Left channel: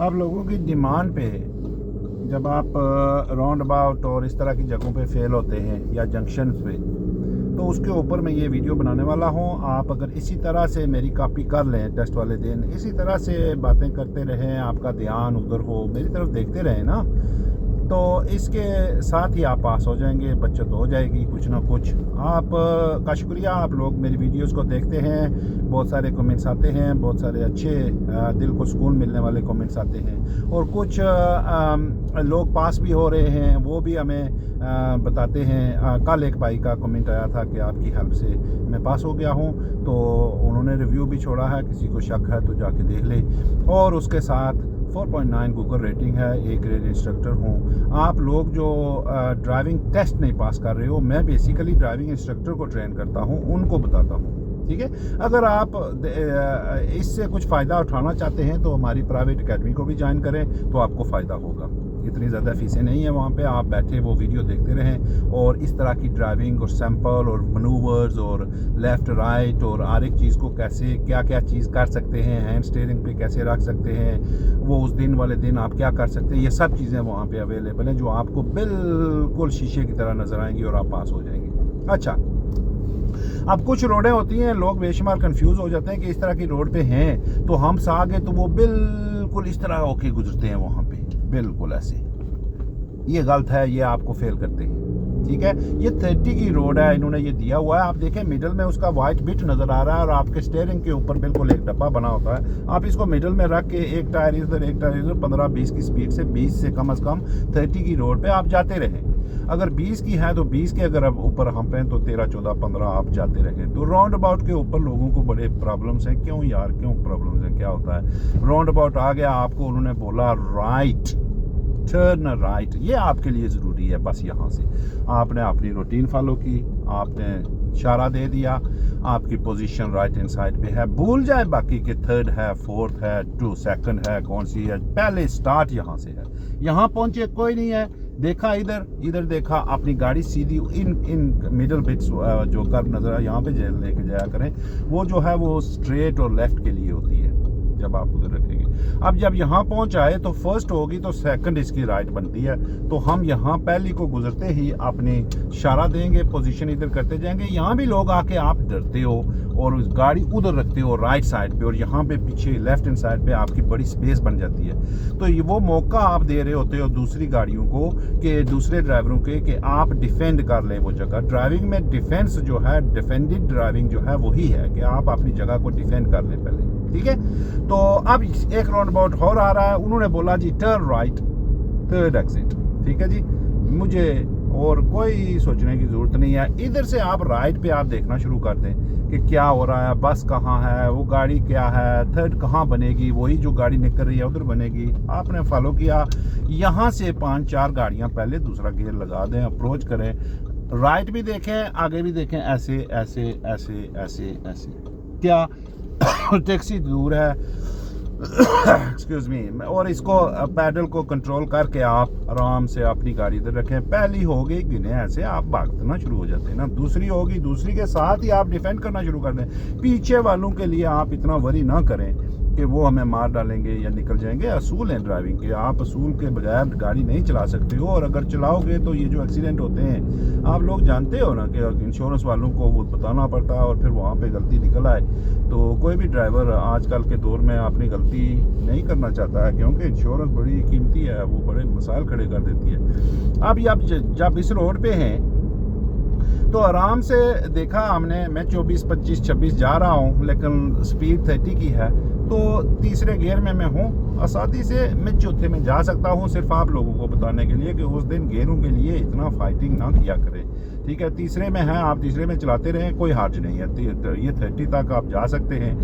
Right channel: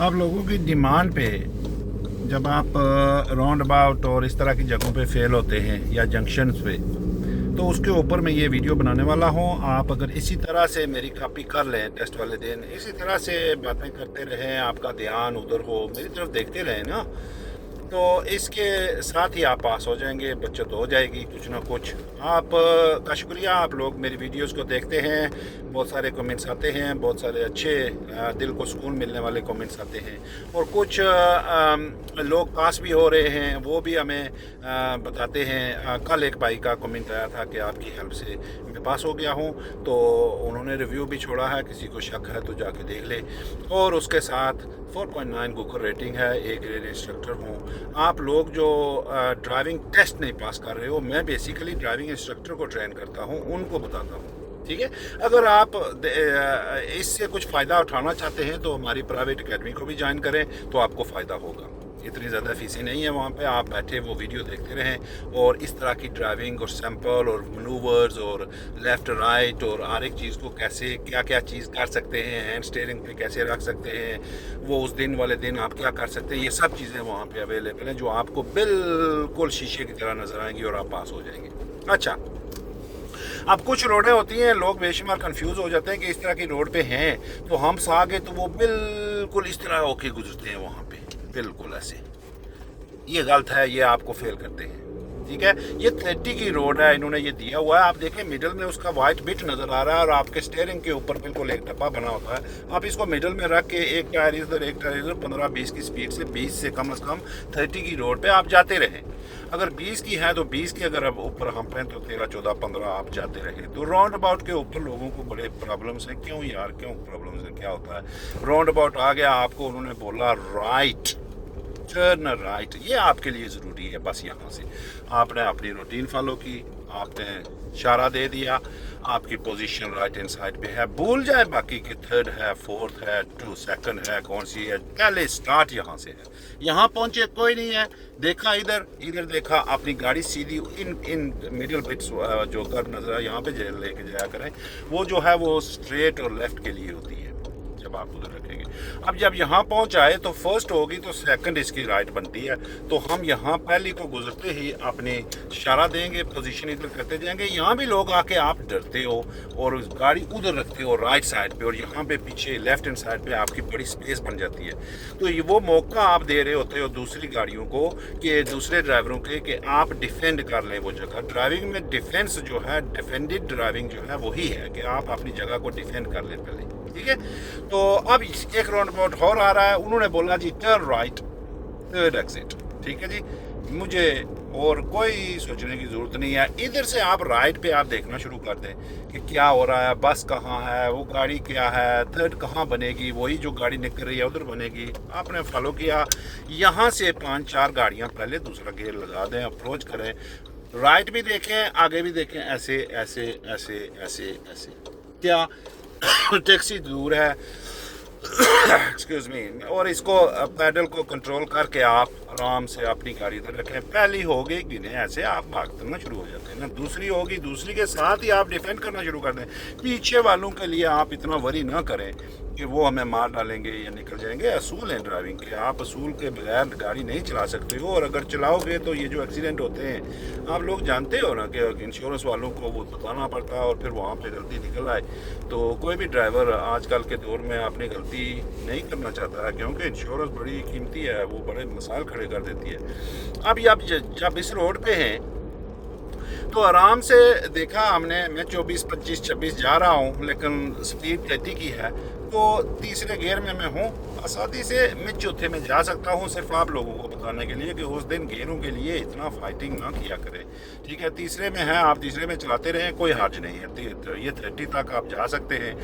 आप लोगों की डिमांड पे जब आप राउंड अबाउट और इस तरह की जगहों पे फेल होते हैं या जंक्शंस पे, तो उसके ऊपर मैं ये वीडियो बनाने वाला हूँ। आप अगर इसी तरह से मेरी कॉपी कर लें टेस्ट वाले दिन, इसी तरह से बातें करते रहें, आपका ध्यान उधर हो, मेरी तरफ देखते रहें ना, तो इसके साथ ही आप पास हो जाएंगे, बचत हो जाएगी कुछ ना कुछ। आप का शुक्रिया, आप लोग मेरी वीडियोस को देखते हैं, बहुत सारे कमेंट्स आते हैं, बहुत सारे अच्छे दिल को सुकून मिलने वाले कमेंट्स आते हैं, और कुछ लोग पास भी हो रहे हैं, वो भी हमें बताते हैं। कल एक भाई का कमेंट आया था कि आपकी हेल्प से मैं पास हो गया हूँ, तो उन्होंने रिव्यू भी छोड़ा है, किसी को शक है तो जाके देख ले। और उसके साथ 4.9 गूगल रेटिंग है, ए ग्रेड इंस्ट्रक्टर हूँ। आप लोग जो ड्राइविंग टेस्ट नहीं पास कर रहे हो, मैं बेसिकली ड्राइविंग इंस्ट्रक्टर को ट्रेन करता हूँ, उनको बताता हूँ, ठीक है। अगर आप इससे कुछ फ़ायदा उठाना चाहते हैं तो हमारी प्राइवेट एकेडमी को भी ज्वाइन करें, तो आपको फ़ायदा होगा। इतनी ज़्यादा फीसें नहीं है वहाँ पे, आप बैठे वो वीडियो देखते रहें और इस तरह की ड्राइविंग और सैंपल और मनूवर्स और लेफ़्ट राइट और हर एक चीज़ को कैसे क्या क्या चीज़ कर सकते हैं, हैंड स्टीयरिंग पे कैसे रख सकते हैं, वो उस दिन वाले दिन आप क्या कर सकते हैं, ये सब चीज़ें वहाँ पे अवेलेबल हैं जो आपको बिल्कुल शीशे की तरह नज़र आएंगी और आप पास हो जाएंगे। अच्छा, अब कुछ रोडें होती हैं, लोग बेशुमार कंफ्यूज हो जाते हैं कि इस तरह की रोड पे हैं तो हम आगे, तो वो बिल्कुल इस तरह होके गुजरते हैं वहाँ पे, बिल्कुल ऐसे। ये गलत है, ये आपको फेल करते हैं, ठीक है। ये 30 की रोड है, इन्होंने ये दिया हुआ है। आप देखें मिडिल में उसका वाइट बिट नज़र आ रहा है और आपके स्टीयरिंग के ऊपर बिल्कुल एक डब्बा बना होता है। आप इसको मिडिल में रख के एक टायर इधर एक टायर इधर 15-20 की स्पीड से 20 से कम 30 की रोड पे आप जाते रहें। अगर 20 की है तो 20 के, अगर अब ऊपर हम पे तो 13, 14, 15 आप जाते रहें। तो राउंड अबाउट के ऊपर लोगों को बड़े प्रॉब्लम्स हैं। क्यों यार, क्यों प्रॉब्लम्स हैं, क्या होता है? राउंड अबाउट आ गया, आपको उन्होंने बोला राइट, टर्न राइट, ये आपके लिए ज़रूरी है। बस यहाँ से आपने अपनी रूटीन फॉलो की, आपने इशारा दे दिया, आपकी पोजीशन राइट हैंड साइड पे है, भूल जाए बाकी के थर्ड है, फोर्थ है, 2 सेकंड है, कौन सी है, पहले स्टार्ट यहाँ से है। यहाँ पहुँचे कोई नहीं है, देखा इधर, इधर देखा, अपनी गाड़ी सीधी इन मिडल बिट्स जो कर्व नज़र है यहाँ पे लेके जाया करें। वो जो है वो स्ट्रेट और लेफ्ट के लिए होती है जब आप उधर रखेंगे। अब जब यहाँ पहुँच आए तो फर्स्ट होगी तो सेकंड इसकी राइट बनती है, तो हम यहाँ पहली को गुजरते ही अपने इशारा देंगे, पोजीशन इधर करते जाएंगे। यहाँ भी लोग आके आप डरते हो और गाड़ी उधर रखते हो राइट साइड पे, और यहाँ पे पीछे लेफ्ट हैंड साइड पे आपकी बड़ी स्पेस बन जाती है। तो ये वो मौका आप दे रहे होते हो दूसरी गाड़ियों को, कि दूसरे ड्राइवरों के, कि आप डिफेंड कर लें वो जगह। ड्राइविंग में डिफेंस जो है, डिफेंडेड ड्राइविंग जो है वही है कि आप अपनी जगह को डिफेंड कर लें पहले, ठीक है। तो अब एक राउंड अबाउट और आ रहा है, उन्होंने बोला जी टर्न राइट, थर्ड एग्जिट, ठीक है जी। मुझे और कोई सोचने की ज़रूरत नहीं है, इधर से आप राइट पे आप देखना शुरू कर दें कि क्या हो रहा है, बस कहाँ है, वो गाड़ी क्या है, थर्ड कहाँ बनेगी, वही जो गाड़ी निकल रही है उधर बनेगी। आपने फॉलो किया, यहाँ से 5-4 गाड़ियाँ पहले दूसरा गेयर लगा दें, अप्रोच करें, राइट भी देखें, आगे भी देखें, ऐसे ऐसे ऐसे ऐसे ऐसे। क्या टैक्सी दूर है, एक्सक्यूज मी, और इसको पैडल को कंट्रोल करके आप आराम से अपनी गाड़ी इधर रखें। पहली हो गई गिने, ऐसे आप भागना शुरू हो जाते हैं ना, दूसरी होगी, दूसरी के साथ ही आप डिफेंड करना शुरू कर दें। पीछे वालों के लिए आप इतना वरी ना करें कि वो हमें मार डालेंगे या निकल जाएंगे। असूल है ड्राइविंग के, आप असूल के बगैर गाड़ी नहीं चला सकते हो, और अगर चलाओगे तो ये जो एक्सीडेंट होते हैं आप लोग जानते हो ना कि इंश्योरेंस वालों को वो बताना पड़ता है, और फिर वहाँ पे गलती निकल आए तो कोई भी ड्राइवर आजकल के दौर में अपनी गलती नहीं करना चाहता है, क्योंकि इंश्योरेंस बड़ी कीमती है, वो बड़े मसाइल खड़े कर देती है। अब जब इस रोड पे हैं तो आराम से देखा हमने, मैं 24, 25, 26 जा रहा हूँ, लेकिन स्पीड 30 की है, तो तीसरे गियर में मैं हूँ, आसानी से मैं चौथे में जा सकता हूँ। सिर्फ आप लोगों को बताने के लिए कि उस दिन गियरों के लिए इतना फाइटिंग ना किया करें, ठीक है। तीसरे में है, आप तीसरे में चलाते रहें, कोई हर्ज नहीं है। ये 30 तक आप जा सकते हैं,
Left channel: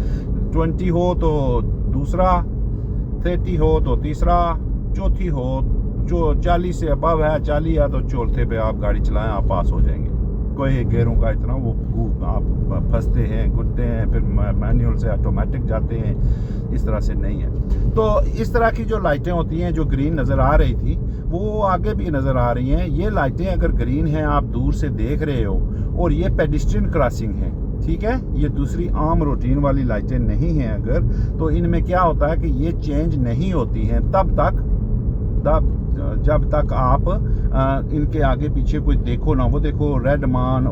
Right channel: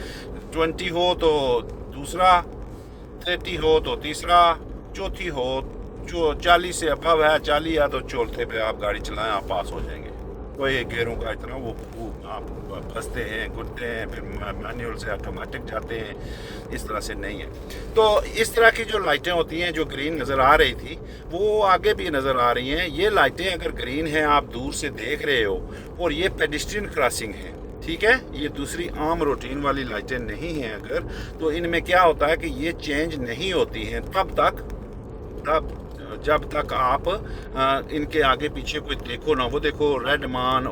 20 हो तो दूसरा, 30 हो तो तीसरा, चौथी हो जो 40 से अबव है, 40 या तो चौथे पे आप गाड़ी चलाएं, आप पास हो जाएंगे। कोई गेयरों का इतना वो आप फंसते हैं, घुटते हैं, फिर मैनुअल से ऑटोमेटिक जाते हैं, इस तरह से नहीं है। तो इस तरह की जो लाइटें होती हैं, जो ग्रीन नज़र आ रही थी वो आगे भी नज़र आ रही हैं। ये लाइटें अगर ग्रीन हैं, आप दूर से देख रहे हो, और ये पेडिस्ट्रियन क्रॉसिंग है, ठीक है, ये दूसरी आम रूटीन वाली लाइटें नहीं हैं अगर, तो इनमें क्या होता है कि ये चेंज नहीं होती हैं तब जब तक आप इनके आगे पीछे कोई देखो ना, वो देखो रेड मान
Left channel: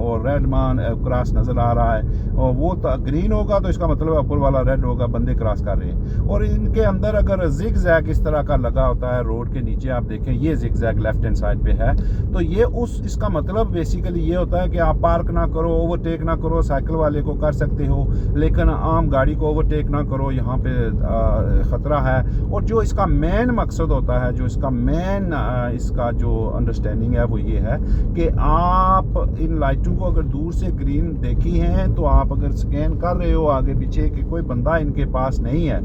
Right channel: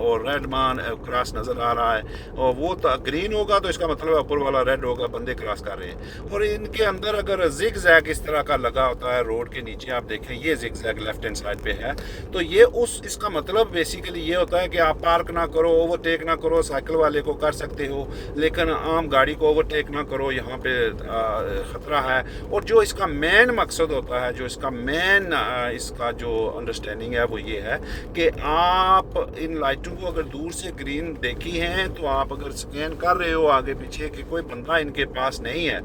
क्रॉस नज़र आ रहा है, और वो ग्रीन होगा तो इसका मतलब है ऊपर वाला रेड होगा, बंदे क्रॉस कर रहे हैं। और इनके अंदर अगर जिग जैग इस तरह का लगा होता है रोड के नीचे, आप देखें ये zig zag left hand side पे है, तो ये इसका मतलब बेसिकली ये होता है कि आप पार्क ना करो, ओवरटेक ना करो, साइकिल वाले को कर सकते हो लेकिन आम गाड़ी को ओवरटेक ना करो, यहाँ पे ख़तरा है। और जो इसका मेन मकसद होता है, जो इसका मेन इसका जो अंडरस्टैंडिंग है वो ये है कि आप इन लाइटों को अगर दूर से ग्रीन देखी हैं तो आप अगर स्कैन कर रहे हो आगे पीछे कि कोई बंदा इनके पास नहीं है,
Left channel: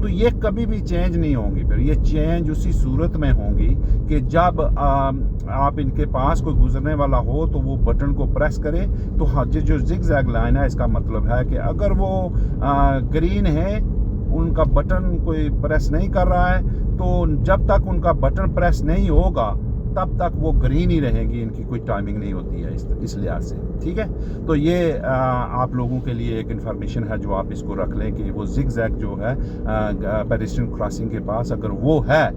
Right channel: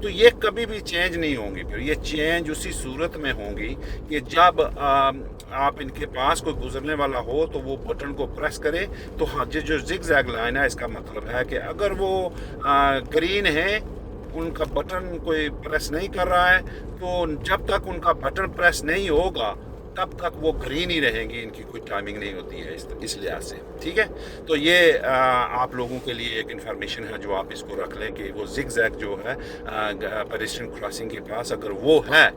तो ये कभी भी चेंज नहीं होंगी। फिर ये चेंज उसी सूरत में होंगी कि जब आप इनके पास कोई गुजरने वाला हो तो वो बटन को प्रेस करे, तो हाँ जो जिग जैग लाइन है इसका मतलब है कि अगर वो ग्रीन है, उनका बटन कोई प्रेस नहीं कर रहा है, तो जब तक उनका बटन प्रेस नहीं होगा तब तक वो ग्रीन ही रहेंगी, इनकी कोई टाइमिंग नहीं होती है इस लिहाज से। ठीक है, तो ये आप लोगों के लिए एक इन्फॉर्मेशन है जो आप इसको रख लें कि वो जिग जैग जो है पेडेस्ट्रियन क्रॉसिंग के पास अगर वो है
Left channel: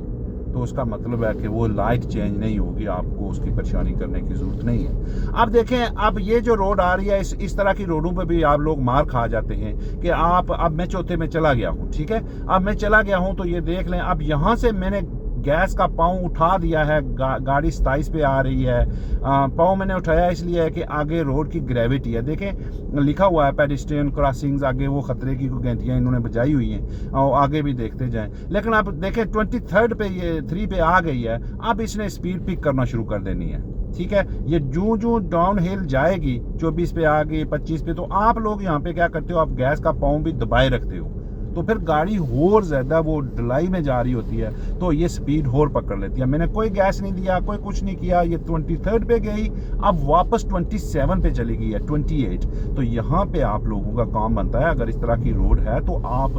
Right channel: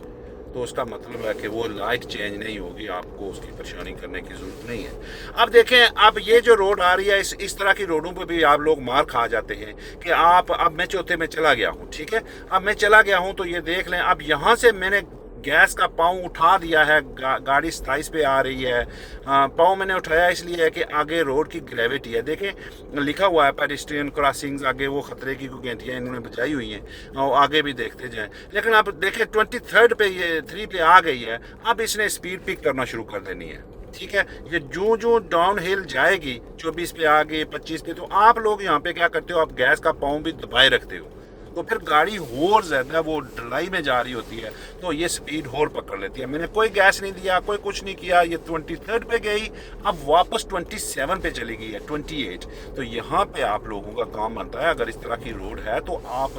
तो उसका मतलब है कि वो लाइट चेंज नहीं होगी, आपको उसकी परेशानी करने की ज़रूरत नहीं है। अब देखें, अब ये जो रोड आ रही है इस तरह की रोडों पे भी आप लोग मार खा जाते हैं कि अब मैं चौथे में चला गया हूँ, ठीक है, अब मैं चला गया हूँ तो ये देख लें, अब यहाँ से मैंने गैस का पाँव उठा दिया है, गाड़ी 27 पे आ रही है, पाँव मैंने उठाया इसलिए है कि आगे रोड की ग्रेविटी है। देखें लिखा हुआ है पेडेस्ट्रियन क्रॉसिंग्स, आगे वो खतरे की घंटियाँ इन्होंने बजाई हुई हैं और आगे भी देखते जाएं। लेकिन आप देखें 23 पे ये 3 पे आ गई है, अब इसने स्पीड पिक करना शुरू कर देनी है। ठीक है, ये जो डाउन हिल जाएगी 24 पे आ गई 25 पे, तो आप लोग यहाँ पे क्या करते हो, आप गैस का पाँव भी दबाए रखते हो, तो फिर गाड़ी और ज़्यादा वो ढलाई में जा रही होती है, तो ये स्पीड और पकड़ लेती है। मैंने कोई गैस नहीं दिया, कोई कुछ नहीं किया, ये 23 पे गई, अब वापस 27 पे चली गई है, 28। तो यहाँ पे आप लोगों का काम बनता है, अगर इस तरह की रोड है तो आप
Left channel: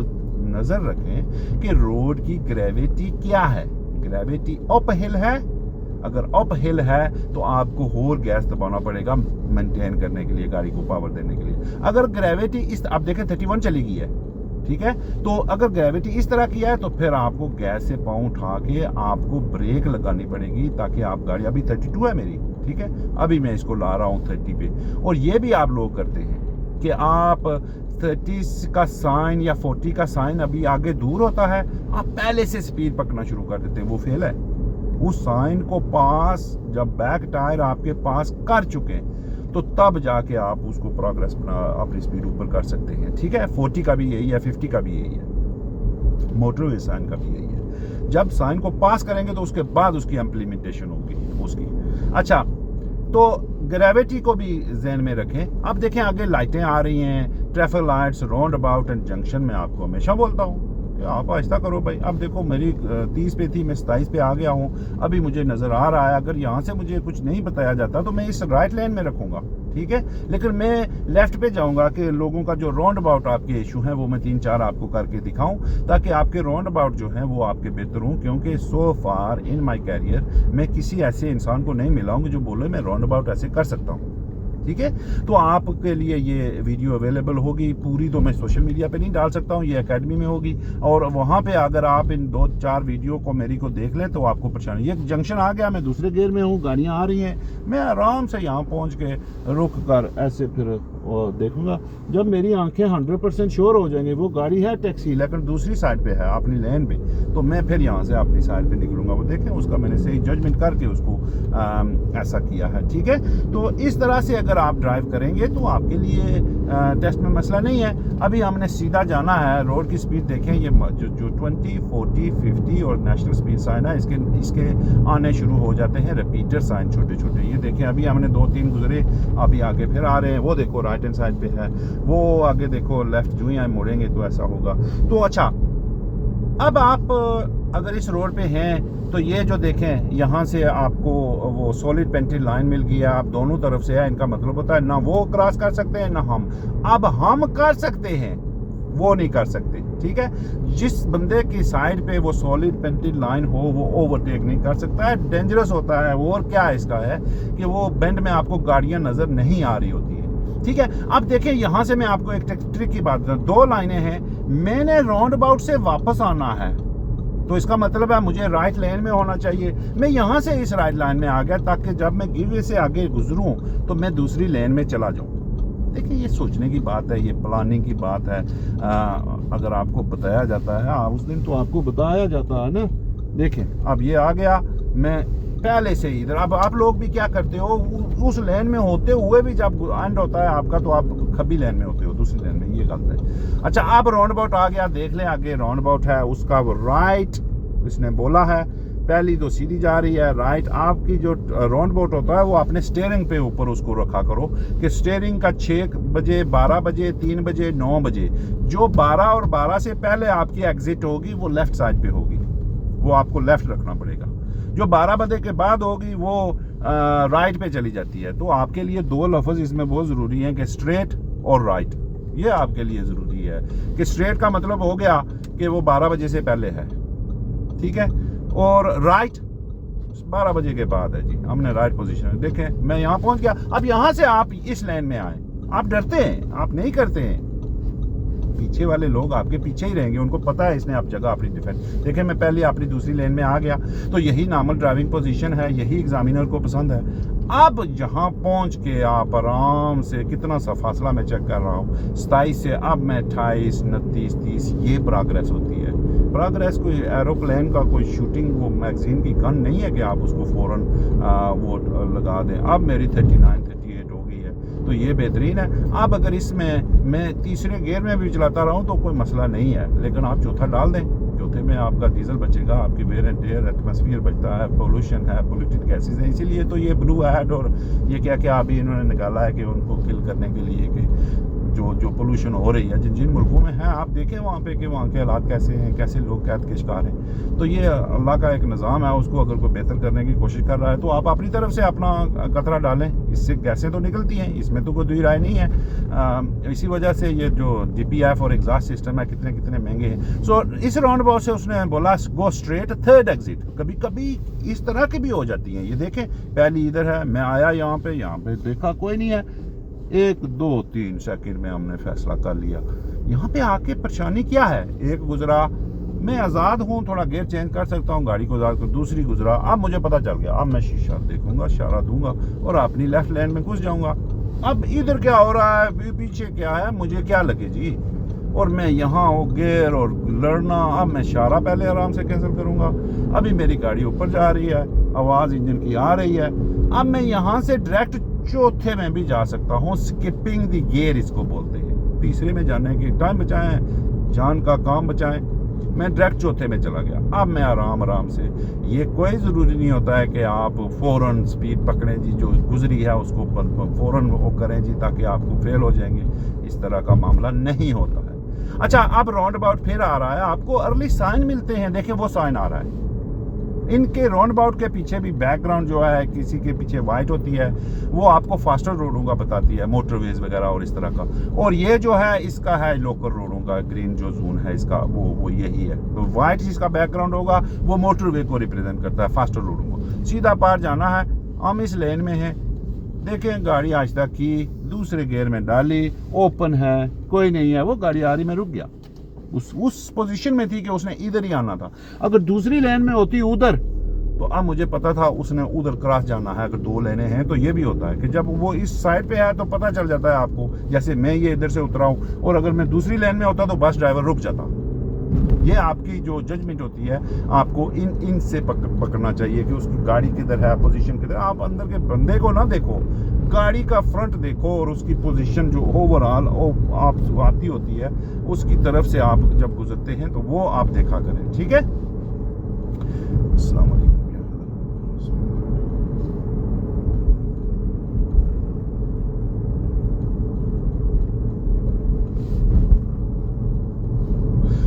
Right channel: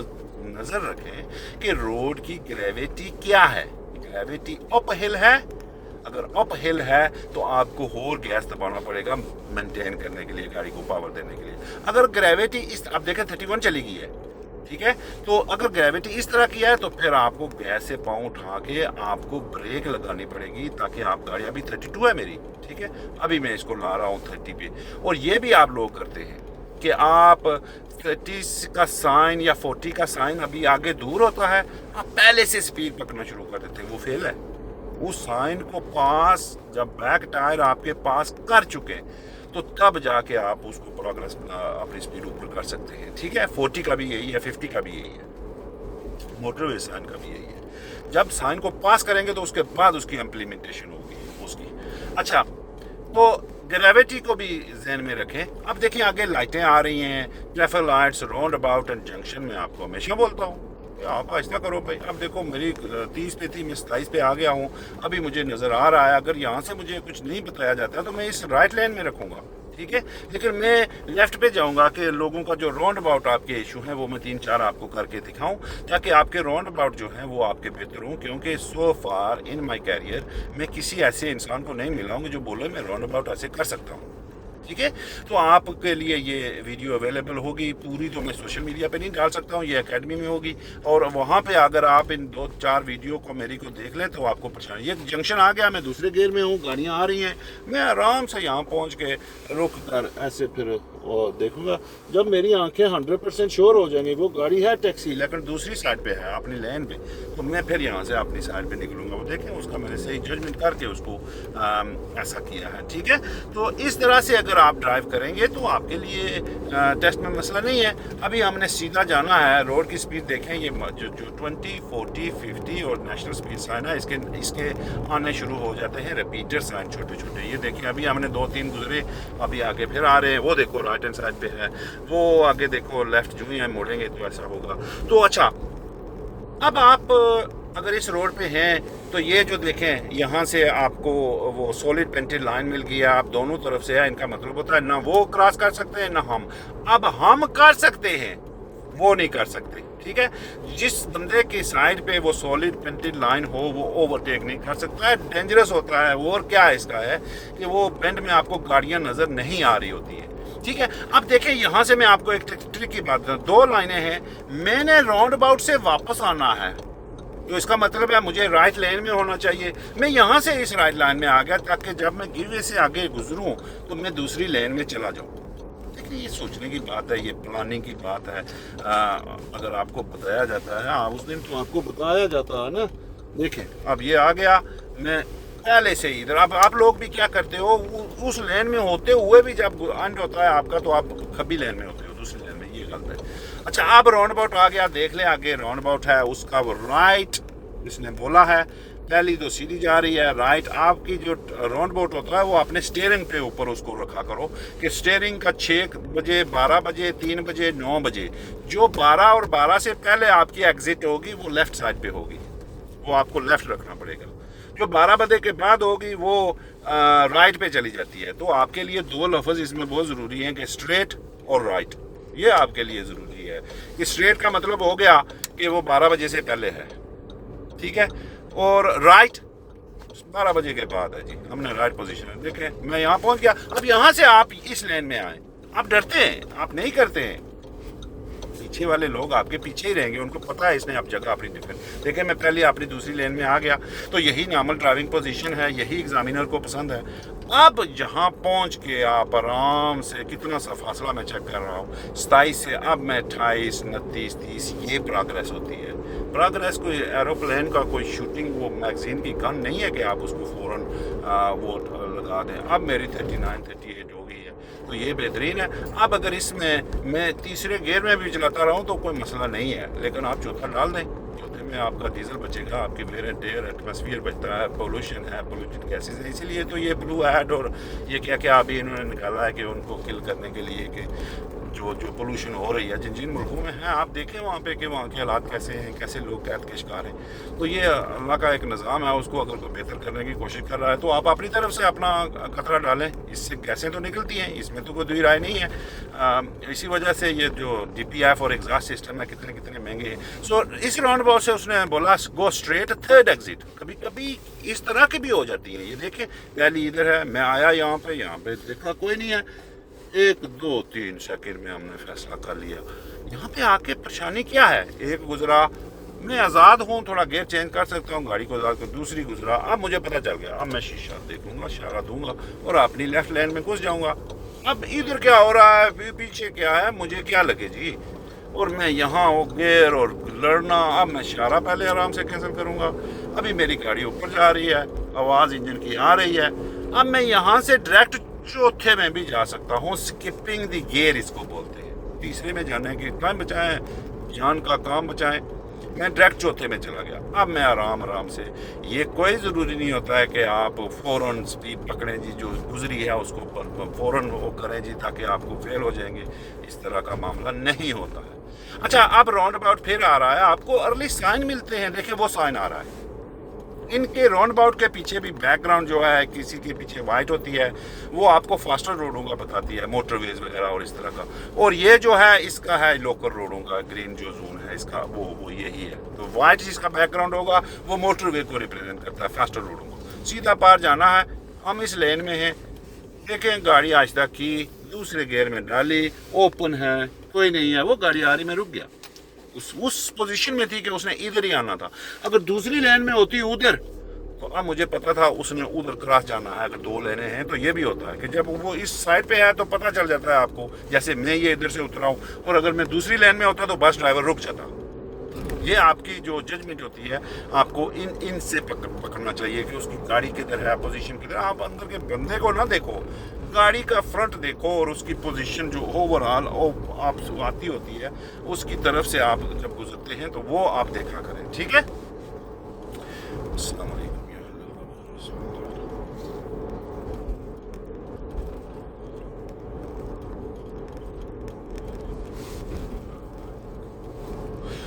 नज़र रखें कि रोड की ग्रेविटी क्या है। ग्रेविटी अप हिल है, अगर अप हिल है तो आपको और गैस दबाना पड़ेगा मेंटेन करने के लिए, गाड़ी को पावर देने के लिए। अगर ग्रेविटी इस, आप देखें 31 चली गई है, ठीक है, तो अगर ग्रेविटी इस तरह की है तो फिर आपको गैस से पाँव उठा के आपको ब्रेक लगानी पड़ेगी, ताकि आप गाड़ी, अभी 32 है मेरी, ठीक है, अभी मैं इसको ला रहा हूँ 30 पे। और ये भी आप लोग करते हैं कि आप 30 का साइन या 40 का साइन अभी आगे दूर होता है, आप पहले से स्पीड पकड़ना शुरू कर देते हैं, वो फेल है। उस साइन को पास जब बैक टायर आपके पास कर चुके हैं तो तब जाके आप उसको प्रोग्रेस अपनी स्पीड ऊपर कर सकते हैं। ठीक है, 40 का भी यही है, 50 का भी यही है, मोटरवे साइन का भी यही है। जब साइन को पास करेंगे तो उसके बाद उसकी इम्प्लीमेंटेशन होगी उसकी। अच्छा, तो ग्रेविटी को भी ज़हन में रखें। अब देखें आगे लाइटें आ रही हैं, traffic lights, round about and junction में आपको हमेशा बोलता हूँ आप आहिस्ता करो भाई। अब देखो मेरी 30 पे थी, मैं 27 पे आ गया हूँ, अभी मुझे नज़र आ रहा है, अगर यहाँ से मुझे कुछ नहीं बताया जाता तो मैं इस राइट लेन में रखूँगा, ठीक है, लेकिन मैं लेफ़्ट पे जाऊँगा कि लोगों का जो राउंड अबाउट आपके इशू हैं वो मैं 3-4 आपको करके दिखाऊँ, ताकि आपके राउंड अबाउट जो हैं वो आपके बेहतर हों। क्योंकि सो फार इन माई कैरियर मैं किसी ऐसे इंसान को नहीं मिला हूँ जो बोले मैं राउंड अबाउट ऐसे कर सकता हूँ। ठीक है, तो आपके लिए ये वीडियो अवेलेबल होगी, पूरी तो मैं सोशल मीडिया पे नहीं डाल सकता हूँ, ये एकेडमी में होगी, और वहाँ पे अगर आप इन 2-4 वीडियो को मेरी को देख लें तो आपको परेशानी। ये जंक्शन आ गया, मैं दूसरे गियर में हूँ, गाड़ियाँ आ रही हैं, मैं आराम से यहाँ पहुँच के रुक कर ऐसे फिर देखूँगा। जब मेरी आंखें 100% श्योर हो जाएंगी वो गाड़ी है टैक्सी लेकिन दूसरी साइड पे है अपनी लेन पे, तो मैं फिर यहाँ से अपनी साइड पे निकलूँगा। वो देखें उसका मैंने सही जजमेंट करके उसको ऐसा किया है। ठीक है, तो इस तरह से अगर आप ड्राइव करेंगे तो आपके लिए टेस्ट में मसला नहीं है। अभी हमने सीधा जाना है, रोड की स्पीड देखें, ये जो 20, 40, 50 और नेशनल स्पीड साइन है, इसके आने शुरू हो जाते हैं रिपीटर साइन छोटे छोटे। ये देखें अभी हमने 2-3 गुजरे, अभी आगे फिर आ रहे हैं, वो देखो राइट हैंड साइड पे है, वो आगे देखो लेफ्ट जो है मोड़ेंगे तो ऐसा होगा। तो अच्छा, अब आप अगर इस रोड पे हैं तो ये जो देखें यहाँ से आपको वो सॉलिड पेंटेड लाइन मिल गई है, आप दोनों तरफ से है, इनका मतलब होता है ना वो क्रॉस कर सकते हैं ना हम। अब हम कर सकते हैं, वो नहीं कर सकते। ठीक है, जिस बंदे की साइड पे वो सॉलिड पेंटेड लाइन हो वो ओवरटेक नहीं कर सकता है, डेंजरस होता है। और क्या इसका है कि वो बेंड में आपको गाड़ियां नज़र नहीं आ रही होती है, ठीक है। अब देखिए यहाँ से मैं आपको एक ट्रिक की बात करूँ, 2 लाइनें हैं, मैंने राउंड अबाउट से वापस आना है, तो इसका मतलब है मुझे राइट लेन में होना चाहिए। मैं यहाँ से इस राइट लाइन में आ गया ताकि जब मैं गिववे से आगे गुजरूँ तो मैं दूसरी लेन में चला जाऊँ। देखिए ये सोचने की बात है, ये प्लानिंग की बात है। अगर आपको बताया जाता है, उस दिन तो आपको बताया जाता है ना। देखें अब ये आ गया, मैं पहले से ही इधर। अब आप लोग भी क्या करते हो, उस लेन में होते हुए भी जब एंड होता है आपका तो आप खब्बी लेन में होते हो, दूसरी लेन में, ये गलत है। अच्छा अब राउंड अबाउट आ गया, देख लें आगे राउंड अबाउट है, उसका वो राइट इसने बोला है, पहली तो सीधी जा रही है, राइट। आपकी जो राउंड अबाउट होता है वो अपने स्टीयरिंग पे ऊपर उसको रखा करो कि स्टीयरिंग का 6 बजे, 12 बजे, 3 बजे, 9 बजे, जो 12 और 12 से पहले आपकी एग्जिट होगी वो लेफ्ट साइड पे होगी, वो आपको लेफ्ट रखना पड़ेगा। जो 12 बजे के बाद होगी वो राइट पे चली जाती है। तो आपके लिए 2 लफ्ज़ इसमें बहुत ज़रूरी हैं कि स्ट्रेट और राइट। ये आपके लिए ज़रूरी है कि स्ट्रेट का मतलब हो गया कि वो 12 बजे से पहले है, ठीक है, और राइट 12 बजे के बाद है जी। हमने राइट पोजीशन है। देखें मैं यहाँ पहुँच गया। अब यहाँ से आप इस लाइन में आए, आप डरते हैं, आप नहीं करते हैं, पीछे वाले लोग आपके पीछे ही रहेंगे, उनको पता है इसने आप जगह अपनी डिफेंड। देखें मैं पहले अपनी दूसरी लेन में आ गया, तो यही नॉर्मल ड्राइविंग पोजीशन है, यही एग्जामिनर को पसंद है। अब यहाँ पहुँच के आप आराम से, कितना सा फासला मैं चेक कर रहा हूँ, 27 से अब मैं 28, 29, 30, ये प्रोग्रेस होती है। प्रोग्रेस कोई एरोप्लेन का कोई शूटिंग वो मैगजीन की गन नहीं है कि आप उसको फ़ौरन वो लगा दें। अब मेरी 39, 38 हो गई है, तो ये बेहतरीन है। अब अगर इसमें मैं तीसरे गियर में भी चलाता रहूं तो कोई मसला नहीं है, लेकिन आप चौथा डाल दें, चौथे में आपका डीजल बचेगा, आपकी वेयर एंड टेयर, एटमॉस्फेयर बचता है, पोल्यूशन है, पोल्यूटेड गैसेज है। इसीलिए तो ये ब्लू एड और ये क्या क्या अभी इन्होंने निकाला है कि उनको किल करने के लिए कि जो पोल्यूशन हो रही है जिन जिन मुल्कों में है, आप देखें वहाँ पे कि वहाँ के हालात कैसे हैं, कैसे लोग कैद के शिकार हैं। तो ये अल्लाह का एक निज़ाम है, उसको अगर कोई बेहतर करने की कोशिश कर रहा है तो आप अपनी तरफ से अपना कतरा डालें। इससे गैसें तो निकलती हैं, इसमें तो कोई दुई राय नहीं है। इसी वजह से ये जो DPF और एग्जॉस्ट सिस्टम है कितने कितने महंगे हैं। सो इस राउंड अबाउट से उसने बोला गो स्ट्रेट, थर्ड एग्जिट। कभी कभी इस तरह की भी हो जाती हैं। ये देखें पहली इधर है, मैं आया यहाँ पे देखा कोई नहीं है, 1, 2, 3 सेकंड में हमने फैसला कर लिया। यहाँ पे आके परेशानी क्या है, एक गुजरा, मैं आज़ाद हूँ, थोड़ा गेयर चेंज कर सकता हूँ, गाड़ी को आज़ाद कर, दूसरी गुजरा, अब मुझे पता चल गया, अब मैं शीशा देखूंगा, इशारा दूंगा और अपनी लेफ्ट लेन में घुस जाऊंगा। अब इधर क्या हो रहा है, पीछे क्या है, मुझे क्या लगे जी, और मैं यहाँ वो गेयर और लड़ना। अब मैं इशारा पहले आराम से कैंसिल करूँगा। अभी मेरी गाड़ी ऊपर जा रही है, आवाज़ इंजन की आ रही है। अब मैं यहाँ से डायरेक्ट चौथे में भी जा सकता हूँ, स्किपिंग द गियर इसको बोलते हैं। तीसरे में जाने के टाइम बचाएं, जान का काम बचाएं। मैं डायरेक्ट चौथे में चला गया। अब मैं आराम से, ये कोई ज़रूरी नहीं होता है कि आप फ़ौरन स्पीड पकड़ें जी, जो गुजरी है उसको फ़ौरन वो करें जी ताकि आपको फेल हो जाएंगे, इस तरह का मामला नहीं होता है। अच्छा अब राउंड अबाउट फिर आ रहा है, आपको अर्ली साइन मिलते हैं, देखें वो साइन आ रहा है। इनके राउंड अबाउट के पीछे भी बैकग्राउंड जो है, किसी के पीछे वाइट होती है, वो आपको फास्टर रोडों का बताती है, मोटरवेज वगैरह और इस तरह का। और ये जो है इसका है लोकल रोडों का, ग्रीन जो जोन है इसका वो यही है। तो वाइट जिसका बैकग्राउंड होगा वो मोटरवे को रिप्रेजेंट करता है, फास्टर रोडों को। सीधा पार जाना है, हम इस लेन में हैं। देखें गाड़ी आहिस्ता की, दूसरे गियर में डाली, ओपन है, कोई नहीं है, वो गाड़ी आ रही, मैं रुक गया। उस पोजीशन में थी कि उसने इधर ही आना था। अगर दूसरी लेन में होती उधर, तो अब मुझे पता था उसने उधर क्रॉस जाना है। अगर 2 लेनें हैं तो ये भी होता है कि जब वो इस साइड पे है तो पता चल जाता है आपको, जैसे मैं ये इधर से उतरा हूँ और अगर मैं दूसरी लेन में होता तो बस ड्राइवर रुक जाता। ये आपकी जो जजमेंट होती है, आपको इनसे पकड़ना चाहिए कि उसकी गाड़ी किधर है, पोजीशन किधर। आप अंदर के बंदे को ना देखो, गाड़ी का फ्रंट देखो और उसकी पोजीशन जो ओवरऑल आप आती होती है उसकी तरफ से आप जब गुजरते हैं तो वो आप देखा करें, ठीक है। अस्सलाम वालेकुम।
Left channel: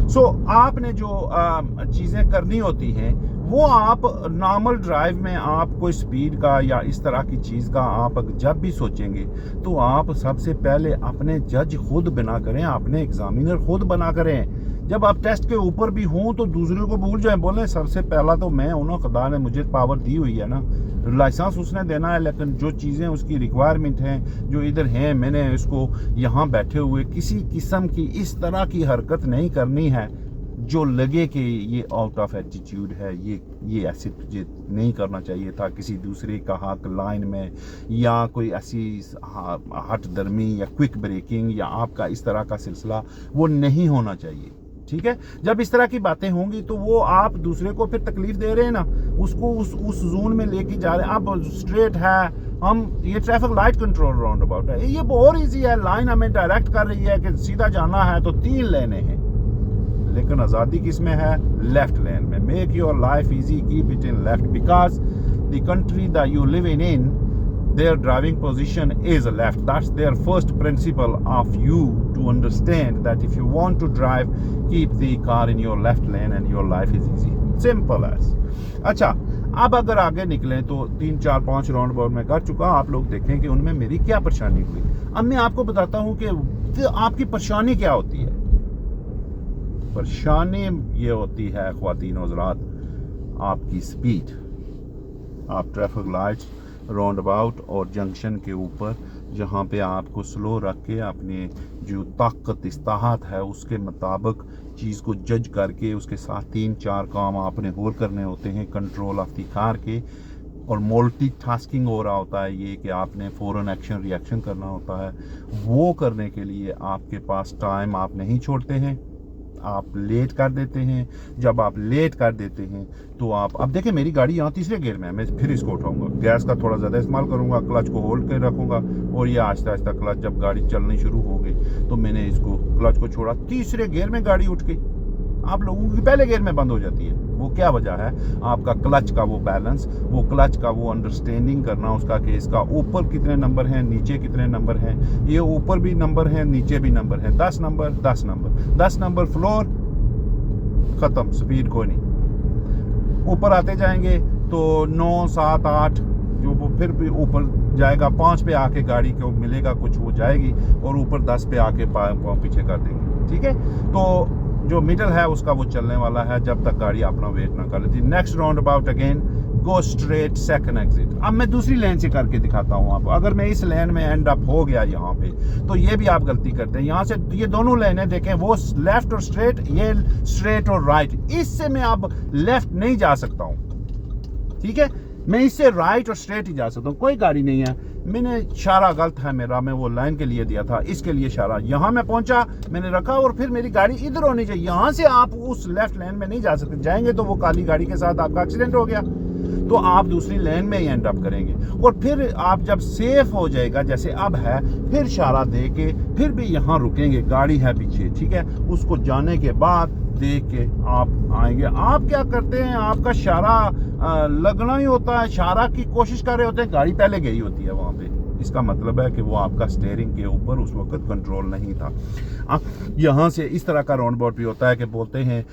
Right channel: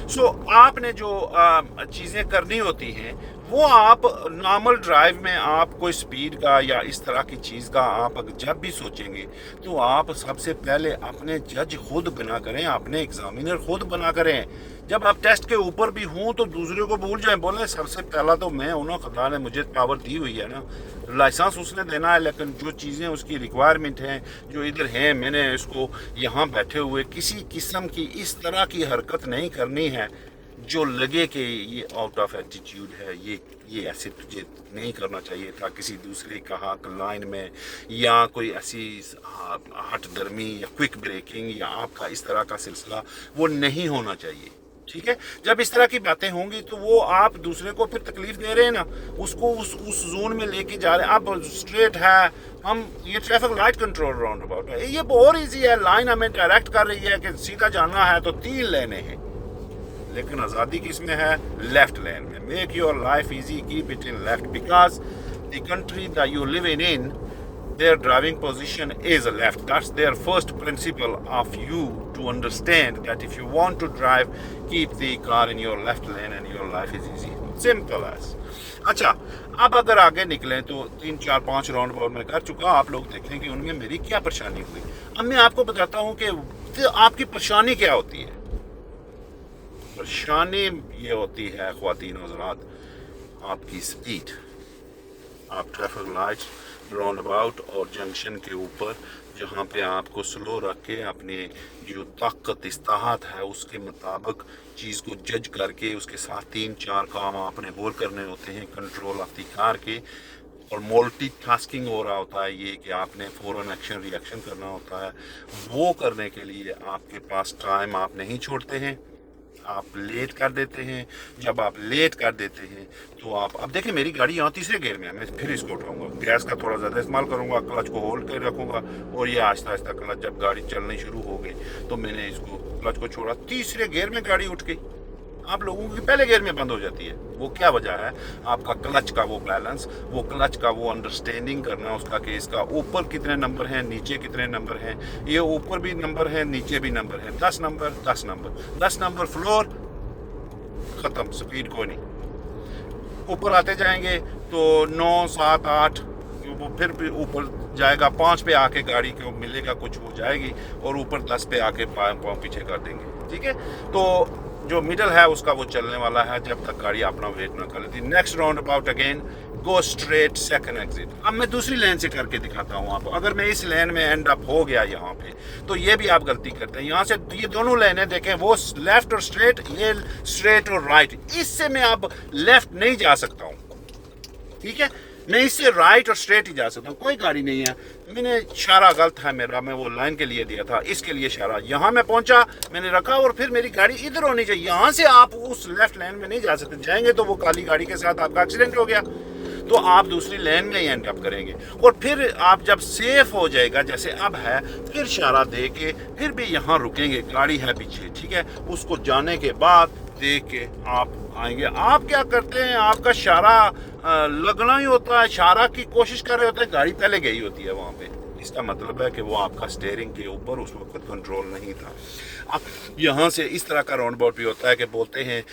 सो आपने जो चीज़ें करनी होती हैं वो आप नॉर्मल ड्राइव में आप कोई स्पीड का या इस तरह की चीज़ का आप जब भी सोचेंगे तो आप सबसे पहले अपने जज खुद बना करें, अपने एग्जामिनर खुद बना करें। जब आप टेस्ट के ऊपर भी हों तो दूसरे को भूल जाएं, बोले सबसे पहला तो मैं हूं ना, खुदा ने मुझे पावर दी हुई है ना, लाइसेंस उसने देना है, लेकिन जो चीज़ें उसकी रिक्वायरमेंट हैं जो इधर हैं, मैंने इसको यहाँ बैठे हुए किसी किस्म की इस तरह की हरकत नहीं करनी है जो लगे कि ये आउट ऑफ एटीट्यूड है, ये ऐसे तुझे नहीं करना चाहिए था किसी दूसरे का हक लाइन में, या कोई ऐसी हट दर्मी या क्विक ब्रेकिंग या आपका इस तरह का सिलसिला वो नहीं होना चाहिए। ठीक है, जब इस तरह की बातें होंगी तो वो आप दूसरे को फिर तकलीफ दे रहे हैं ना, उसको उस जोन में लेके जा रहे हैं। अब स्ट्रेट है, हम ये traffic light control round about है, ये बहुत ईजी है, लाइन हमें डायरेक्ट कर रही है कि सीधा जाना है तो 3 लेने हैं, लेकिन आज़ादी किस में है? लेफ्ट लेन में। Make your life easy, keep it in left, because the country that you live in their driving position is left. That's their first principle of you to understand that if you want to drive, keep the car in your left lane and your life is easy. Simple as. अच्छा, अब अगर आगे निकलें तो 3 4 5 round about मैं कर चुका, आप लोग देखें कि उनमें मेरी क्या परेशानी हुई। अब मैं आपको बताता हूँ कि आपकी परेशानी क्या होती है। परेशानी ये होती है ख्वातीन और हज़रात, आपकी स्पीड। आप ट्रैफिक लाइट्स, राउंड अबाउट और जंक्शन के ऊपर जहाँ पे आपको स्लो रख के अपने जो ताकत इस्ताहत है उसके मुताबिक चीज़ को जज करके उसके साथ 3 4 काम आपने और करने होते हैं कंट्रोल ऑफ द कार के, और मल्टीटास्किंग हो रहा होता है ये कि आपने फ़ौरन एक्शन रिएक्शन करना होता है। वो करने के लिए आपके पास टाइम आप नहीं छोड़ते हैं, आप लेट कर देते हैं। जब आप लेट कर देते हैं तो आप, अब देखें मेरी गाड़ी यहाँ तीसरे गियर में है, मैं फिर इसको उठाऊंगा, गैस का थोड़ा ज़्यादा इस्तेमाल करूँगा, क्लच को होल्ड कर रखूँगा और ये आहिस्ता आहिस्ता क्लच, जब गाड़ी चलनी शुरू हो गई तो मैंने इसको क्लच को छोड़ा, तीसरे गियर में गाड़ी उठ गई। आप लोगों की पहले गियर में बंद हो जाती है। वो क्या वजह है? आपका क्लच का वो बैलेंस, वो क्लच का वो अंडरस्टैंडिंग करना उसका कि इसका ऊपर कितने नंबर हैं, नीचे कितने नंबर हैं, ये ऊपर भी नंबर है नीचे भी नंबर है, 10 नंबर 10 नंबर 10 नंबर फ्लोर, ख़त्म, स्पीड कोई नहीं। ऊपर आते जाएंगे तो 9 7 8 वो फिर भी ऊपर जाएगा, 5 पे आके गाड़ी को मिलेगा कुछ, वो जाएगी और ऊपर 10 पे आके पाँव पीछे कर देंगे। ठीक है, तो जो मिडल है उसका वो चलने वाला है जब तक गाड़ी अपना वेट ना कर लेती। Next round about again, go straight second exit. अब मैं दूसरी लेन से करके दिखाता हूँ आपको। अगर मैं इस लेन में एंड अप हो गया यहाँ पे तो ये भी आप गलती करते हैं। यहाँ से ये दोनों लेनें देखें, वो लेफ्ट और स्ट्रेट, ये स्ट्रेट और राइट, इससे मैं अब लेफ्ट नहीं जा सकता हूँ। ठीक है, मैं इससे राइट और स्ट्रेट ही जा सकता हूँ, कोई गाड़ी नहीं है। मैंने इशारा गलत है मेरा, मैं वो लाइन के लिए दिया था, इसके लिए इशारा, यहाँ मैं पहुंचा, मैंने रखा और फिर मेरी गाड़ी इधर होनी चाहिए। यहाँ से आप उस लेफ्ट लाइन में नहीं जा सकते, जाएंगे तो वो काली गाड़ी के साथ आपका एक्सीडेंट हो गया तो आप दूसरी लेन में ही एंड अप करेंगे। और फिर आप जब सेफ हो जाएगा जैसे अब है, फिर इशारा दे के फिर भी यहाँ रुकेंगे, गाड़ी है पीछे, ठीक है, उसको जाने के बाद देख के आप आएंगे। आप क्या करते हैं, आपका इशारा लगना ही होता है, इशारा की कोशिश कर रहे होते हैं, गाड़ी पहले गई होती है वहाँ पे। इसका मतलब है कि वो आपका स्टीयरिंग के ऊपर उस वक्त कंट्रोल नहीं था। अब यहाँ से इस तरह का राउंड अबाउट भी होता है कि बोलते हैं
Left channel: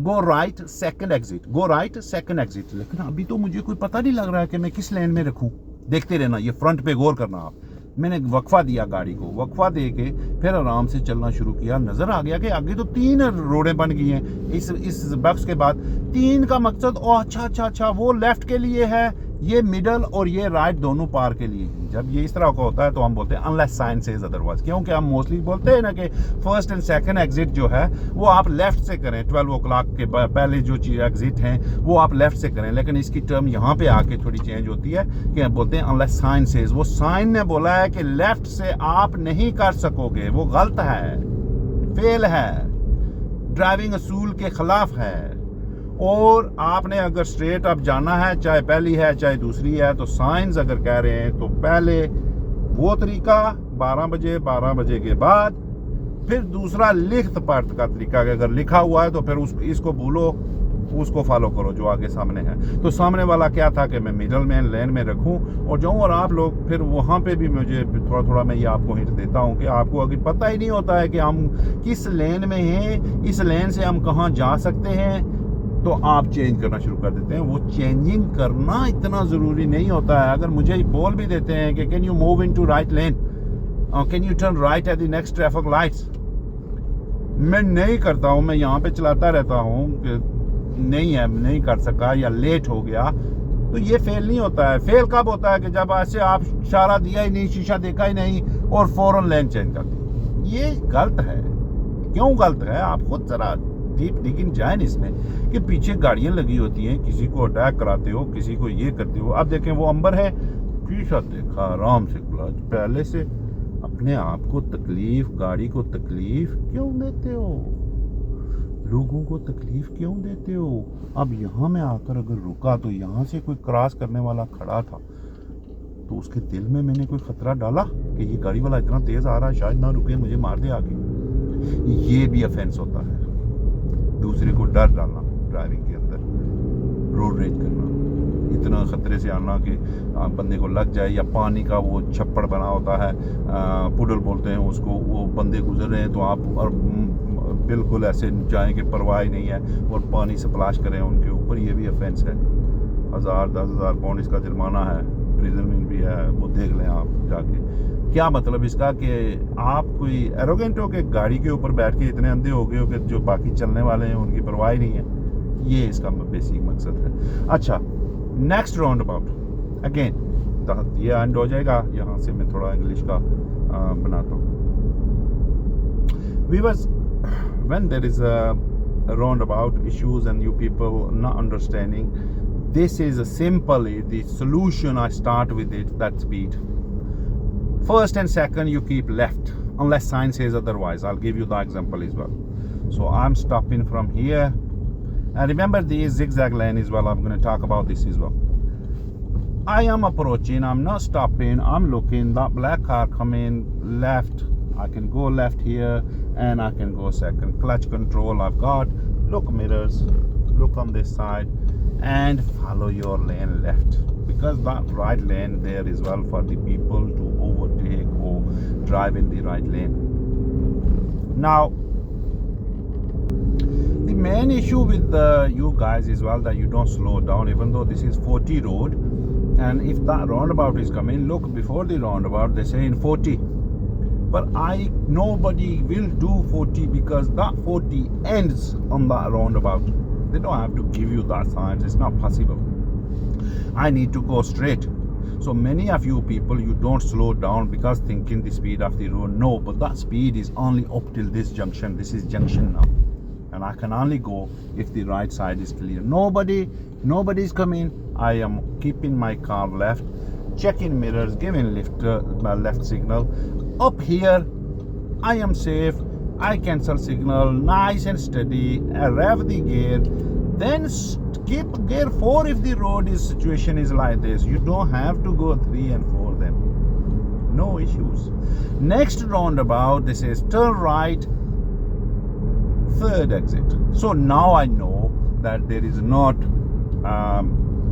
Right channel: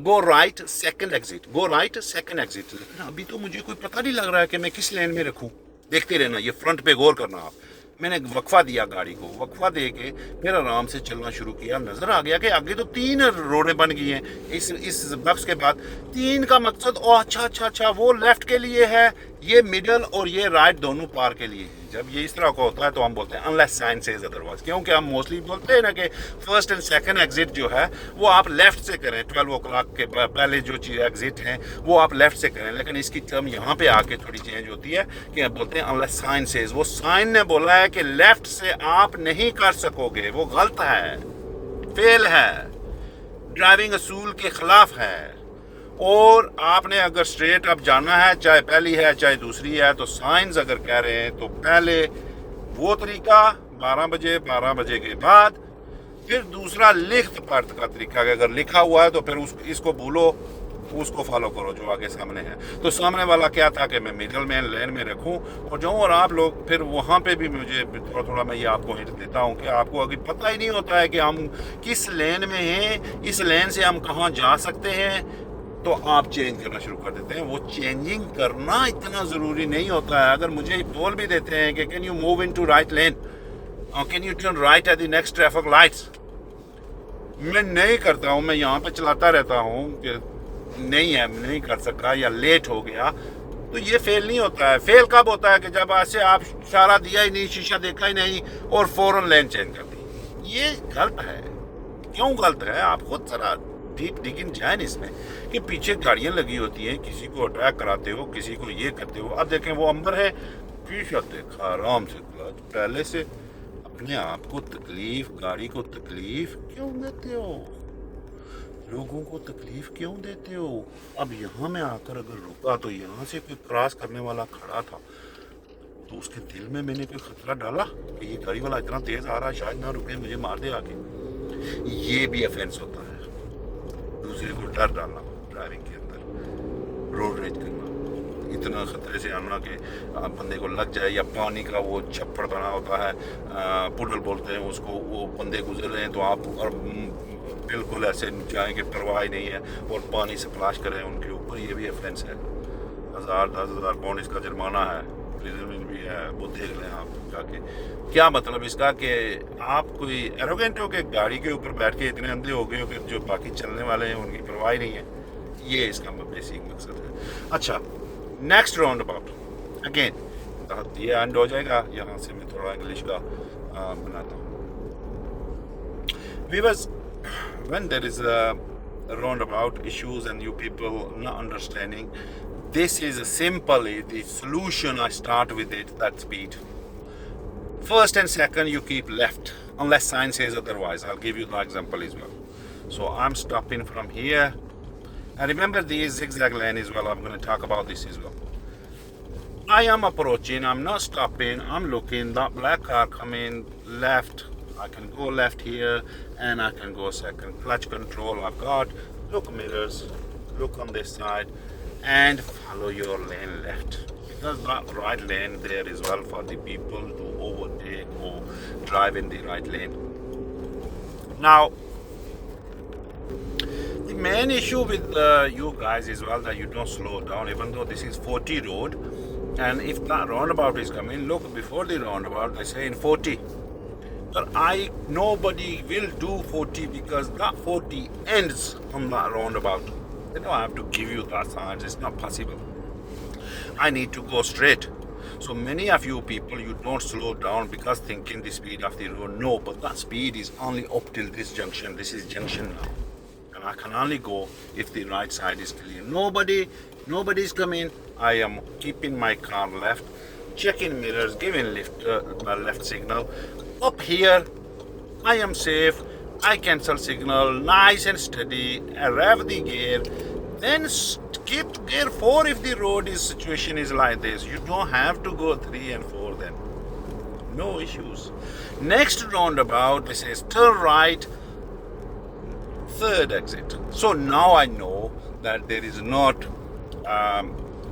go right second exit, go right second exit, लेकिन अभी तो मुझे कोई पता नहीं लग रहा है कि मैं किस लेन में रखूँ। देखते रहना, ये फ्रंट पे गौर करना आप। मैंने वक्फा दिया गाड़ी को, वक्फा दे के फिर आराम से चलना शुरू किया। नज़र आ गया कि आगे तो 3 रोडें बन गई हैं इस बक्स के बाद। 3 का मकसद, ओ अच्छा, वो लेफ्ट के लिए है, ये मिडल और ये राइट दोनों पार के लिए है। जब ये इस तरह का होता है तो हम बोलते हैं अनलेस साइन सेज अदरवाइज, क्योंकि हम मोस्टली बोलते हैं ना कि फर्स्ट एंड सेकंड एग्जिट जो है वो आप लेफ्ट से करें। 12 o'clock के पहले जो चीज़ एग्जिट हैं वो आप लेफ्ट से करें, लेकिन इसकी टर्म यहाँ पे आके थोड़ी चेंज होती है कि बोलते हैं अनलेस साइन सेज। वो साइन ने बोला है कि लेफ्ट से आप नहीं कर सकोगे, वो गलत है, फेल है, ड्राइविंग असूल के खिलाफ है। और आपने अगर स्ट्रेट अप जाना है, चाहे पहली है चाहे दूसरी है, तो साइंस अगर कह रहे हैं तो पहले वो तरीका 12 बजे के बाद, फिर दूसरा लिखत पढ़त का तरीका, अगर लिखा हुआ है तो फिर इसको भूलो, उसको फॉलो करो जो आगे सामने है। तो सामने वाला क्या था कि मैं मिडल में लेन में रखूं और जाऊं, और आप लोग फिर वहां पे भी मुझे थोड़ा मैं ये आपको हिंट देता हूं कि आपको अभी पता ही नहीं होता है कि हम किस लेन में हैं, इस लेन से हम कहां जा सकते हैं, तो आप चेंज करना शुरू कर देते हैं। वो चेंजिंग करना इतना ज़रूरी नहीं होता है। अगर मुझे बोल भी देते हैं कि can you move into right lane, can U turn right at the next traffic lights, मैं नहीं करता हूँ, मैं यहाँ पे चलाता रहता हूँ कि नहीं कर सका या लेट हो गया, तो ये फेल नहीं होता है। फेल कब होता है कि जब ऐसे आप इशारा दिया ही नहीं, शीशा देखा ही नहीं और फौरन लेन चेंज कर दी। ये गलत है। क्यों गलत है? आप खुद जरा डीप डिगिंग जाए इसमें कि पीछे गाड़ियां लगी होती हैं, किसी को अटैक कराते हो, किसी को ये करते हो। अब देखें वो अंबर है, शीशा देखा, आराम से क्लच, पहले से अपने आप को तकलीफ, गाड़ी को तकलीफ क्यों देते हो? लोगों को तकलीफ क्यों देते हो? अब यहाँ में आकर अगर रुका तो यहाँ से कोई क्रॉस करने वाला खड़ा था तो उसके दिल में मैंने कोई खतरा डाला कि ये गाड़ी वाला इतना तेज आ रहा है, शायद ना रुके, मुझे मार दे आके। ये भी ऑफेंस होता है। दूसरे को डर डालना ड्राइविंग के अंदर, रोड रेज करना, इतना खतरे से आना कि बंदे को लग जाए, या पानी का वो छप्पड़ बना होता है, पुडल बोलते हैं उसको, वो बंदे गुजर रहे हैं तो आप और बिल्कुल ऐसे जाएं कि परवाह ही नहीं है और पानी स्प्लैश करें उनके ऊपर, ये भी ऑफेंस है। 1000-10,000 पाउंड इसका जुर्माना है, प्रिजन भी है, वो देख लें आप जाके। क्या मतलब इसका कि आप कोई एरोगेंट हो के गाड़ी के ऊपर बैठ के इतने अंधे हो गए हो कि जो बाकी चलने वाले हैं उनकी परवाह ही नहीं है। ये इसका बेसिक मकसद है। अच्छा, नेक्स्ट राउंड अबाउट अगेन ये एंड हो जाएगा। यहाँ से मैं थोड़ा इंग्लिश का बनाता हूँ। Viewers, when there is a roundabout issues and you people not understanding, this is simply the solution. I start with it, that speed. First and second, you keep left unless sign says otherwise. I'll give you the example as well. So I'm stopping from here, and remember the zigzag lane as well. I'm going to talk about this as well. I am approaching, I'm not stopping, I'm looking, that black car coming left, I can go left here and I can go second. Clutch control I've got, look mirrors, look on this side and follow your lane left, because that right lane there is well for the people to overtake or drive in the right lane. Now the main issue with you guys is well that you don't slow down, even though this is 40 road, and if that roundabout is coming, look before the roundabout they say in 40, but nobody will do 40 because that 40 ends on that roundabout. They don't have to give you that signs, it's not possible. I need to go straight. So many of you people, you don't slow down because thinking the speed of the road. No, but that speed is only up till this junction. This is junction now, and I can only go if the right side is clear. Nobody's coming. I am keeping my car left, checking mirrors, giving my left signal. Up here I am safe. I cancel signal, nice and steady, rev the gear, then skip gear 4 if the road situation is like this. You don't have to go 3 and 4 then. No issues. Next roundabout, this is turn right, third exit. So now I know that there is not